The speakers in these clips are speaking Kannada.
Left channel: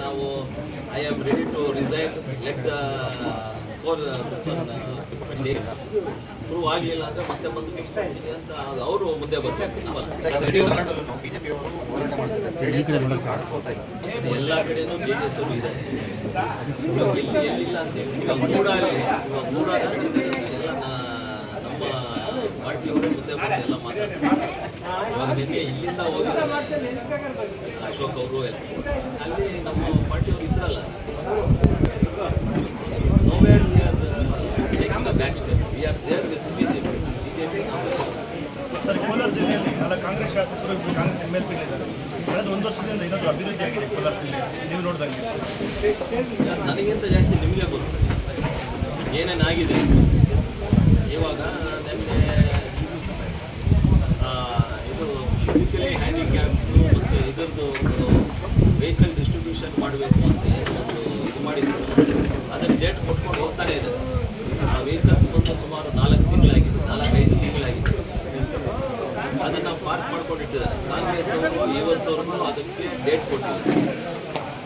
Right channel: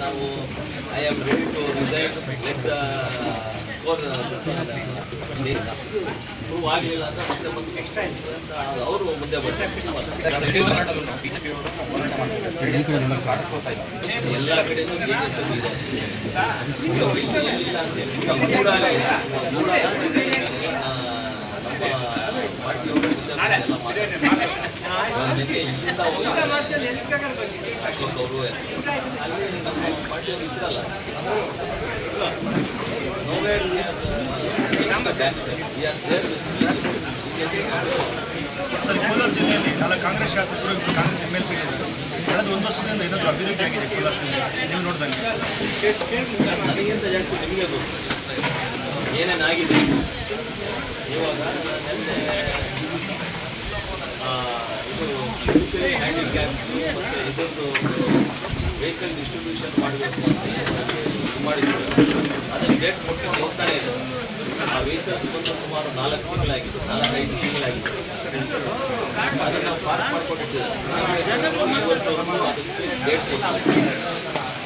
ನಾವು I am ready to resign let the court prove ಆಗಲಿಲ್ಲ ಅಂದರೆ ಮತ್ತೆ ಬಂದು ನೆಕ್ಸ್ಟ್ ಅಂತ ಅವರು ಮುಂದೆ ಬರ್ತಾರೆ ಎಲ್ಲ ಕಡೆನೂ ಜೆ ಡಿ ಎಸ್ ಇದೆ ಎಲ್ಲಿಲ್ಲ ಅಂತ ಹೇಳಿ. ಮೂಡಾಗ ಮೂಡಾಗ ನಮ್ಮ ಪಾರ್ಟಿಯವರು ಮುಂದೆ ಬಂದು ಎಲ್ಲ ಮಾತಾಡ್ತಾರೆ ನಿನ್ನೆ ಇಲ್ಲಿಂದ ಅಶೋಕ್ ಅವರು ಅಲ್ಲಿ ನಮ್ಮ ಪಾರ್ಟಿಯವರು ಇದ್ರಲ್ಲ ಕೋಲಾರ ಜಿಲ್ಲೆಯಲ್ಲಿ ನಾಳೆ ಕಾಂಗ್ರೆಸ್ ಶಾಸಕರು ಕಾಂಗ್ರೆಸ್ ಎಂ ಎಲ್ ಸಿ ಕಳೆದ ಒಂದು ವರ್ಷದಿಂದ ಇದನ್ನು ಅಭಿವೃದ್ಧಿ ಆಗಿದೆ ಕೋಲಾರ ಜಿಲ್ಲೆ ನೀವು ನೋಡಿದಂಗೆ ನನಗಿಂತ ಜಾಸ್ತಿ ನಿಮಗೆ ಗೊತ್ತು. ಏನೇನಾಗಿದೆ? ಇವಾಗ ನಿನ್ನೆ ಆ, ಇದು ಹ್ಯಾಂಡಿಕ್ಯಾಪ್ ಇದರದ್ದು ವೆಹಿಕಲ್ ಡಿಸ್ಟ್ರಿಬ್ಯೂಷನ್ ಮಾಡಬೇಕು ಅಂತ ಮಾಡಿದ್ರು ಅದನ್ನು ಡೇಟ್ ಕೊಟ್ಕೊಂಡು ಹೋಗ್ತಾನೆ ಇದೆ ಆ ವೆಹಿಕಲ್ಸ್ ಸುಮಾರು ನಾಲ್ಕು ತಿಂಗಳಾಗಿದೆ ನಾಲ್ಕೈದು ತಿಂಗಳಾಗಿದೆ ಅದನ್ನು ನಾವು ಪಾರ್ಕ್ ಇವತ್ತವರೆಗೂ ಅದಕ್ಕೆ ಡೇಟ್ ಕೊಟ್ಟಿದ್ದಾರೆ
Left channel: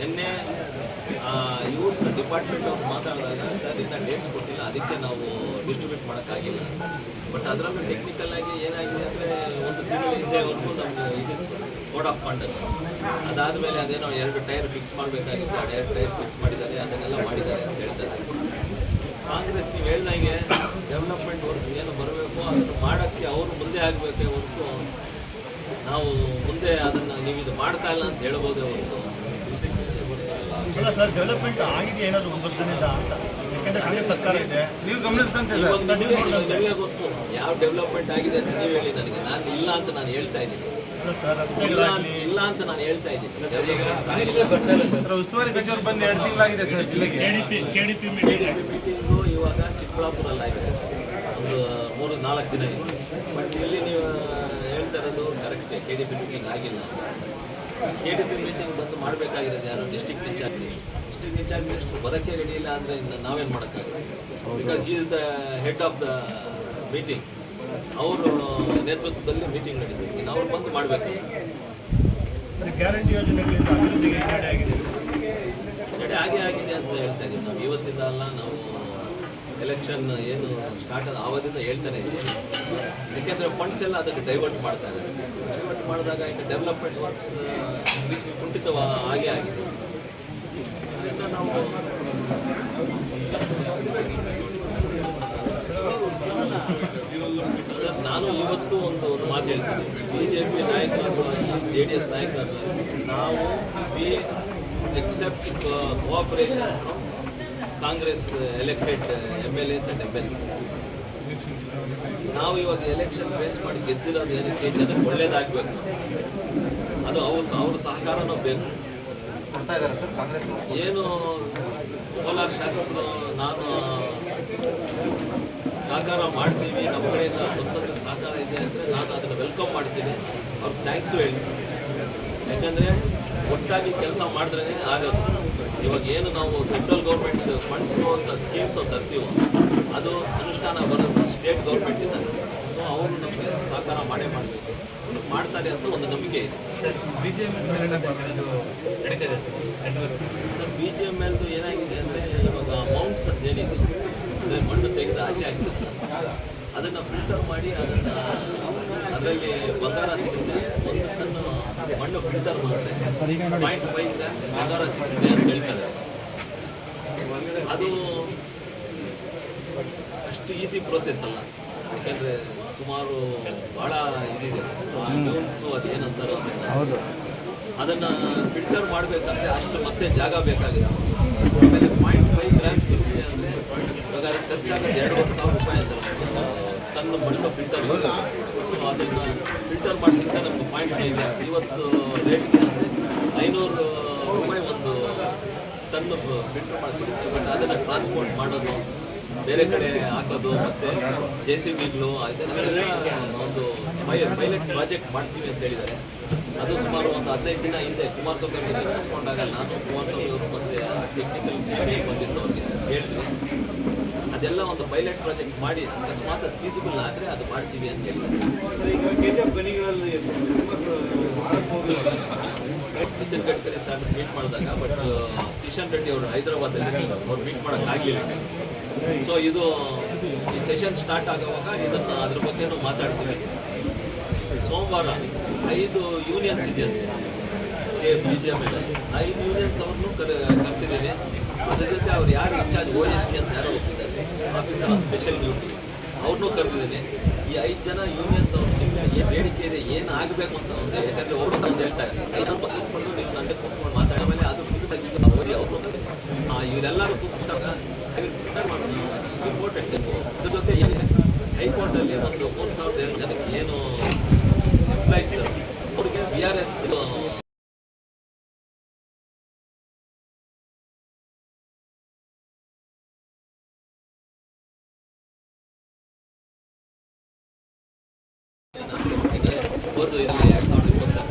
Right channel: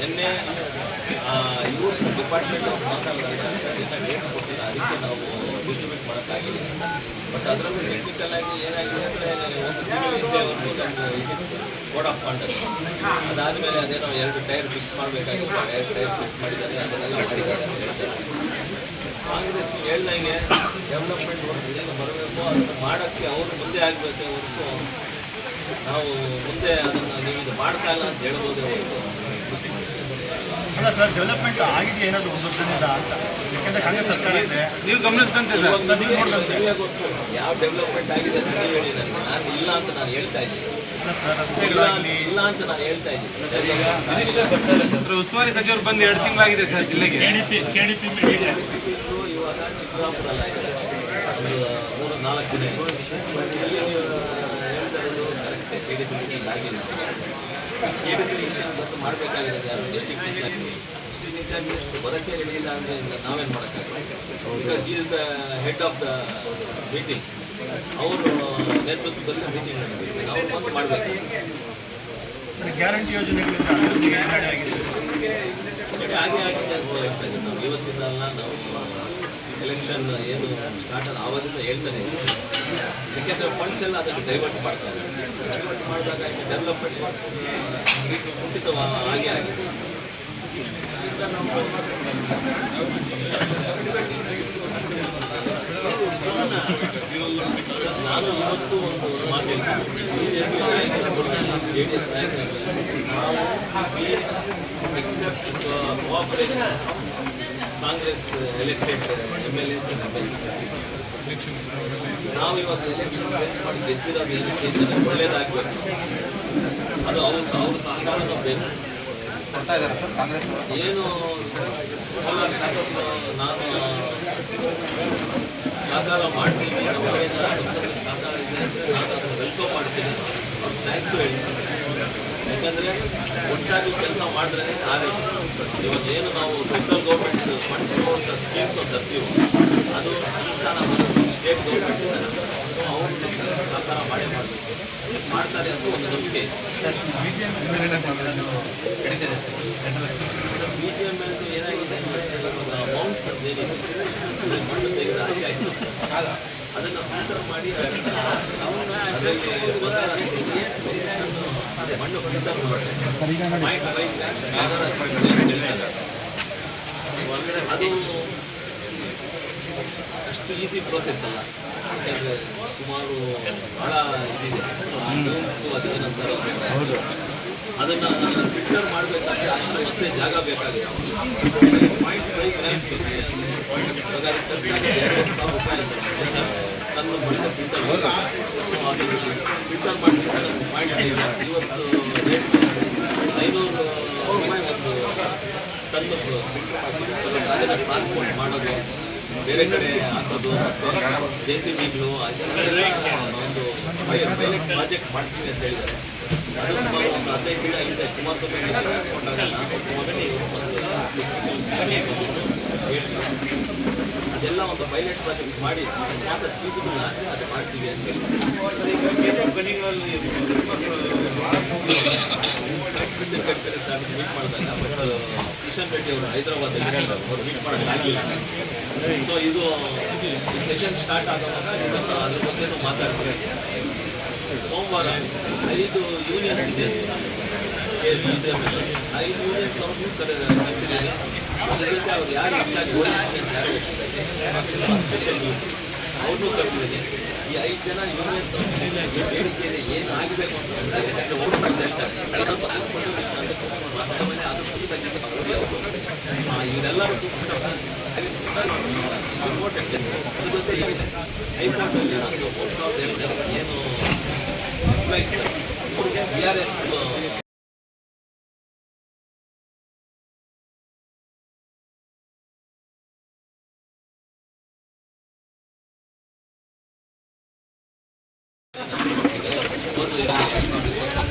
ನಿನ್ನೆ ಇವರು ಡಿಪಾರ್ಟ್ಮೆಂಟ್ ಅವ್ರು ಮಾತಾಡಿದಾಗ ಸರ್ ಡೇಟ್ಸ್ ಕೊಟ್ಟಿಲ್ಲ. ಅದಕ್ಕೆ ನಾವು ಡಿಸ್ಟ್ರಿಬ್ಯೂಟ್ ಮಾಡೋಕ್ಕಾಗಿಲ್ಲ. ಬಟ್ ಅದರಲ್ಲೂ ಟೆಕ್ನಿಕಲ್ ಆಗಿ ಏನಾಗಿದೆ ಅಂದರೆ, ಒಂದು ತಿಂಗಳು ಹಿಂದೆವರೆಗೂ ನಮ್ಮದು ಇದು ಕೋಡ್ ಆಫ್ ಕಾಂಡಕ್ಟ್ ಅದಾದಮೇಲೆ ಅದೇನೋ ಎರಡು ಟೈರ್ ಫಿಕ್ಸ್ ಮಾಡಬೇಕಾಗಿತ್ತು. ಎರಡು ಟೈರ್ ಫಿಕ್ಸ್ ಮಾಡಿದ್ದಾರೆ. ಅದನ್ನೆಲ್ಲ ಮಾಡಿದ್ದಾರೆ ಅಂತ ಹೇಳ್ತಾರೆ. ಕಾಂಗ್ರೆಸ್ ಹೇಳ್ದಂಗೆ ಡೆವಲಪ್ಮೆಂಟ್ ವರ್ಕ್ಸ್ ಏನು ಬರಬೇಕು, ಅದನ್ನು ಮಾಡೋಕ್ಕೆ ಅವರು ಮುಂದೆ ಆಗಬೇಕೇ ಹೊರತು ನಾವು ಮುಂದೆ ಅದನ್ನು ನೀವು ಇದು ಮಾಡ್ತಾ ಇಲ್ಲ ಅಂತ ಹೇಳ್ಬೋದೇ ಹೊರತು. ಇಲ್ಲ ಸರ್ ಡೆವಲಪ್ಮೆಂಟ್ ಆಗಿದೆ ಏನಾದರೂ ಒಂದು ವರ್ಷದಿಂದ ಅಂತ. ಯಾಕೆಂದರೆ ಕಾಂಗ್ರೆಸ್ ಸರ್ಕಾರ ಇದೆ. ನೀವು ಗಮನಿಸಿದಂತೆ ಯಾವ ಡೆವಲಪ್ಮೆಂಟ್ ಆಗಿದೆ ಅಂತ ನೀವು ಹೇಳಿ ನನಗೆ. ನಾನು ಇಲ್ಲ ಅಂತ ನಾನು ಹೇಳ್ತಾ ಇದ್ದೀನಿ. ಇಲ್ಲ ಸರ್ ಇಲ್ಲ ಇಲ್ಲ ಅಂತ ನಾನು ಹೇಳ್ತಾ ಇದ್ದೀನಿ. ಉಸ್ತುವಾರಿ ಸಚಿವರು ಬಂದು ಎರಡು ತಿಂಗಳಾಗಿದೆ ಸರ್ ಜಿಲ್ಲೆಗೆ. ಮೀಟಿಂಗು ಇವಾಗ ಚಿಕ್ಕಬಳ್ಳಾಪುರಲ್ಲ ಇದೆ. ಒಂದು ಮೂರು ನಾಲ್ಕು ದಿನ ಇಲ್ಲಿ ನೀವು ಹೇಳ್ತಾ ಇರೋದು correct K D P meeting ಆಗಿಲ್ಲ. ಮಾಡಬೇಕಾಗಿದೆ ಯಾರು? District in charge district in charge minister ಬರೋಕ್ಕೆ ಇಲ್ಲ ಅಂದರೆ ನಾವೇನು ಮಾಡೋಕ್ಕಾಗಲ್ಲ. Because the head of the meeting ಅವರು ನೇತೃತ್ವದಲ್ಲಿ ಮೀಟಿಂಗ್ ನಡೀತಿದೆ ನಾವು ಬಂದು ಮಾಡಬೇಕು. ಗ್ಯಾರಂಟಿ ಯೋಜನೆಗಳಿಂದ ಅಭಿವೃದ್ಧಿಗೆ ಹಿನ್ನಡೆ ಆಗಿದೆ. ಕಡೆ ಹಾಗೆ ಆಗಿದೆ ಅಂತ ಹೇಳ್ತಾ ನಾವು ಇವತ್ತಿಂದ ನಾವು ಎಲೆಕ್ಷನ್ ಏನು ಸ್ಟಾರ್ಟ್ ಆದ ಆವಾಗಿಂದ ಹೇಳ್ತಾನೆ ಯಾಕೆಂದರೆ ಫಂಡ್ಸ್ ಎಲ್ಲ ಅದನ್ನು ಡೈವರ್ಟ್ ಮಾಡ್ತಾರೆ. ಡೈವರ್ಟ್ ಮಾಡಿದಾಗ ಡೆವಲಪ್ಮೆಂಟ್ ವರ್ಕ್ಸ್ ಕುಂಠಿತ ಹಾಗೆ ಆಗಿದೆ. ನಾನು ಇವತ್ತು ಒಂದು ಮಾತು ಹೇಳ್ತೀನಿ. ಬಿ ಜೆ ಪಿ ನಾಯಕರು ಜೆ ಡಿ ಎಸ್ ನಾಯಕರು ನಾವು accept cooperation Congress elected M L S and M L ನಾವು ಇವತ್ತು ಎಲೆಕ್ಷನ್ ಫೇಸ್ ಮಾಡಿ ಗೆದ್ದಿರೋದು ಏನಕ್ಕೆ ಜನಕ್ಕೆ ಒಳ್ಳೇದಾಗಬೇಕು. ಅದು ಅವ್ರ ಅವ್ರ ಸಹಕಾರನೂ ಬೇಕು. ಏನು ಕೋಲಾರ ಶಾಸಕರು ನಾನು ಸಹಕಾರ ಮಾಡ್ತೀನಿ ನಮ್ಮ ಕಡೆಯಿಂದ ಸಂಸತ್ತಿಗೆ ಸಹಕಾರ ಇದೆ ನಾನು ಅದನ್ನು ವೆಲ್ಕಮ್ ಮಾಡ್ತೀನಿ. ಅವ್ರು ಥ್ಯಾಂಕ್ಸು ಹೇಳ್ತೀನಿ ಯಾಕಂದರೆ ಒಟ್ಟಾಗಿ ಕೆಲಸ ಮಾಡಿದ್ರೆ ಆಗಲ್ಲ ಇವಾಗ ಏನು ನಾವು ಸೆಂಟ್ರಲ್ ಗೌರ್ಮೆಂಟ್ ಫಂಡ್ಸು ಸ್ಕೀಮ್ಸು ತರ್ತೀವೋ ಅದು ಅನುಷ್ಠಾನ ಬರೋದು ಸ್ಟೇಟ್ ಗೌರ್ಮೆಂಟಿಂದ ಸೊ ಅವರು ನಮಗೆ ಸಹಕಾರ ಮಾಡೇ ಮಾಡಬೇಕು. ಮಾಡ್ತಾರೆ ಅಂತ ಒಂದು ನಂಬಿಕೆ ಇದೆ. Sir B G M L ಏನಾಗಿದೆ ಅಮೌಂಟ್ಸ್ ಮೌಂಟ್ಸ್ ಅಂತ ಏನಿದೆ ಮಣ್ಣು ತೆಗೆದ ಆಸೆ ಆಯಿತು. ಅದನ್ನು ಫಿಲ್ಟರ್ ಮಾಡಿ ಅದರಲ್ಲಿ ಬಂಗಾರ ಸಿಕ್ಕಿದ್ರೆ ಅದನ್ನು ಮಣ್ಣು ಫಿಲ್ಟರ್ ಮಾಡಿ ಪಾಯಿಂಟ್ ಫೈವ್ ಗ್ರಾಮ್ಸ್ ಬಂಗಾರ ಸಿಕ್ಕಿದೆ ಅಂತ ಹೇಳ್ತಾರೆ ಅದು ಅಷ್ಟು ಈಸಿ ಪ್ರೋಸೆಸ್ ಅಲ್ಲ. ಯಾಕೆಂದರೆ ಸುಮಾರು ಭಾಳ ಇದಿದೆ. ಅನೌನ್ಸು ಅದೇನಂತಾರೋ ಹೌದು. ಅದನ್ನು ಫಿಲ್ಟರ್ ಮಾಡಬೇಕಾದ್ರೆ ಅಷ್ಟು ಮತ್ತೆ ಜಾಗ ಬೇಕಾಗಿದೆ. ಪಾಯಿಂಟ್ ಫೈವ್ ಗ್ರಾಮ್ಸ್ ಇವಾಗ ಖರ್ಚಾಗುತ್ತೆ ಎರಡು ಸಾವಿರ ರೂಪಾಯಿ ಅಂತ ತನ್ನ ಬಳಿಕ ಫಿಲ್ಟರ್ ಸೊ ಅದನ್ನು ಫಿಲ್ಟರ್ ಮಾಡಿಸಿದ್ರೆ ನಮ್ಮ ಪಾಯಿಂಟ್ ಇದೆ ಇವತ್ತು ರೇಟ್ ಐನೂರು ಒಂದು ಟನ್ನು ಫಿಲ್ಟರ್ ಮಾಡಿಸಿ ಅದನ್ನು ಟ್ರಾನ್ಸ್ಪೋರ್ಟ್ ಮಾಡೋದು, ಬೇರೆ ಕಡೆ ಹಾಕೋದು, ಮತ್ತು ಜೆ ಸಿ ಬಿಗಳು ಅದನ್ನೆಲ್ಲ ಒಂದು ಪೈಲಟ್ ಪ್ರಾಜೆಕ್ಟ್ ಮಾಡ್ತೀವಿ ಅಂತ ಹೇಳಿದ್ದಾರೆ. ಅದು ಸುಮಾರು ಒಂದು ಹದಿನೈದು ದಿನ ಹಿಂದೆ ಕುಮಾರಸ್ವಾಮಿ ನಾನು ಕುಮಾರಸ್ವಾಮಿ ಬಂದಿದ್ದು ಹೇಳ್ತೀನಿ. ಅದೆಲ್ಲ ಒಂದು ಪೈಲಟ್ ಪ್ರಾಜೆಕ್ಟ್ ಮಾಡಿ ಮಾತ್ರ ಫೀಸಿಬಲ್ ಆದರೆ ಅದು ಮಾಡ್ತೀವಿ ಅಂತ ನಿತಿನ್ ಗಡ್ಕರಿ ಮೀಟ್ ಮಾಡಿದಾಗ ಬಟ್ ಕಿಶನ್ ರೆಡ್ಡಿ ಅವರು ಹೈದರಾಬಾದಲ್ಲಿ ಅವ್ರು ಮೀಟ್ ಮಾಡೋಕ್ಕಾಗಲಿಲ್ಲ ಸೊ ಇದು ಈ ಸೆಷನ್ ಸ್ಟಾರ್ಟ್ ಆಗುವಾಗ ಇದನ್ನು ಅದ್ರ ಬಗ್ಗೆನೂ ಮಾತಾಡ್ತೀವಿ. ಸೋಮವಾರ ಐದು ಯೂನಿಯನ್ಸ್ ಇದೆ. ಬಿ ಜೆ ಪಿ ಐದು ಯೂನಿಯನ್ ಕರೆ ಕರೆಸಿದ್ದೇನೆ ಅದ್ರ ಜೊತೆ ಅವ್ರು ಯಾರು ಹೆಚ್ಚಾಗಿ ಓಡಿಸ್ತೀನಿ ಅಂತ ಯಾರು ಸ್ಪೆಷಲ್ ಡ್ಯೂಟಿ ಅವ್ರನ್ನೂ ಕರೆದಿದ್ದೀನಿ ಈ ಐದು ಜನ ಯೂನಿಯನ್ ಏನು ಬೇಡಿಕೆ ಇದೆ, ಏನು ಆಗಬೇಕು ಅಂತ ಅವರು ನಮ್ಗೆ ಹೇಳ್ತಾರೆ. ಕಳೆದ ಹಾಕ್ಕೊಂಡು ಅಂತ ಕೂತ್ಕೊಂಡು ಮಾತಾಡೋ ಮೇಲೆ ಅದು ಖುಷಿ ಅವರು ಇವರೆಲ್ಲರೂ ಅದ್ರ ಜೊತೆ ಹೈಕೋರ್ಟಲ್ಲಿ ಒಂದು ಮೂರು ಸಾವಿರದ ಎರಡು ಜನಕ್ಕೆ ಏನು ಎಂಪ್ಲಾಯ್ಸ್ ಇದ್ದಾರೆ ಅವ್ರಿಗೆ ಬಿ ಆರ್ ಎಸ್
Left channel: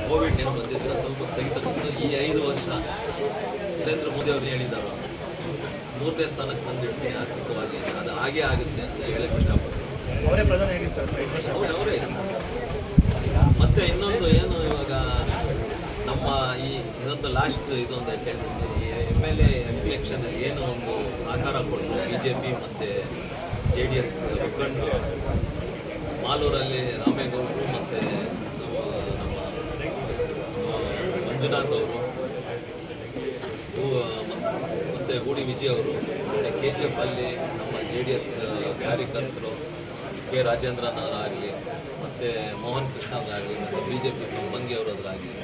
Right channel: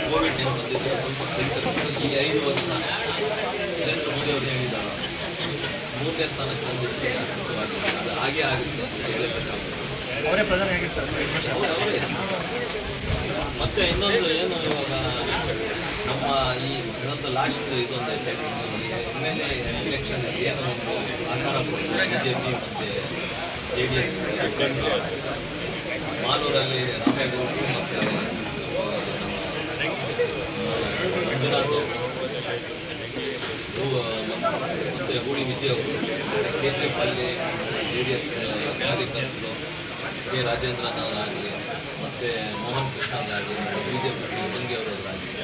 ಕೋವಿಡ್ ಏನು ಬಂದಿದೆ ಸ್ವಲ್ಪ ಈ ವರ್ಷ ಮೋದಿ ಅವರು ಮೂರನೇ ಸ್ಥಾನಕ್ಕೆ ಹಾಗೆ ಆಗುತ್ತೆ. ಮತ್ತೆ ಇನ್ನೊಂದು ಏನು ಇವಾಗ ನಮ್ಮ ಈ ಇವತ್ತು ಲಾಸ್ಟ್ ಇದೊಂದು ಎಂ ಎಲ್ ಎಲೆಕ್ಷನ್ ಏನು ಒಂದು ಸಹಕಾರ ಕೊಟ್ಟು ಬಿ ಜೆ ಪಿ ಮತ್ತು ಜೆ ಡಿ ಎಸ್ ಮಾಲೂರಲ್ಲಿ ರಾಮೇಗೌಡರು ಮತ್ತು ಮಂಜುನಾಥ್ ಅವರು ಮತ್ತು ಗೂಡಿ ವಿಜಯ್ ಅವರು ಚೇತ್ರಿಪಲ್ಲಿ ಜೆ ಡಿ ಎಸ್ ಕಾರ್ಯಕರ್ತರು, ಕೆ ರಾಜೇಂದ್ರನವರಾಗಲಿ ಮತ್ತು ಮೋಹನ್ ಕೃಷ್ಣ ಆಗಲಿ ಬಿ ಜೆ ಪಿ ಸಿಬ್ಬಂದಿ ಅವರಾಗಲಿ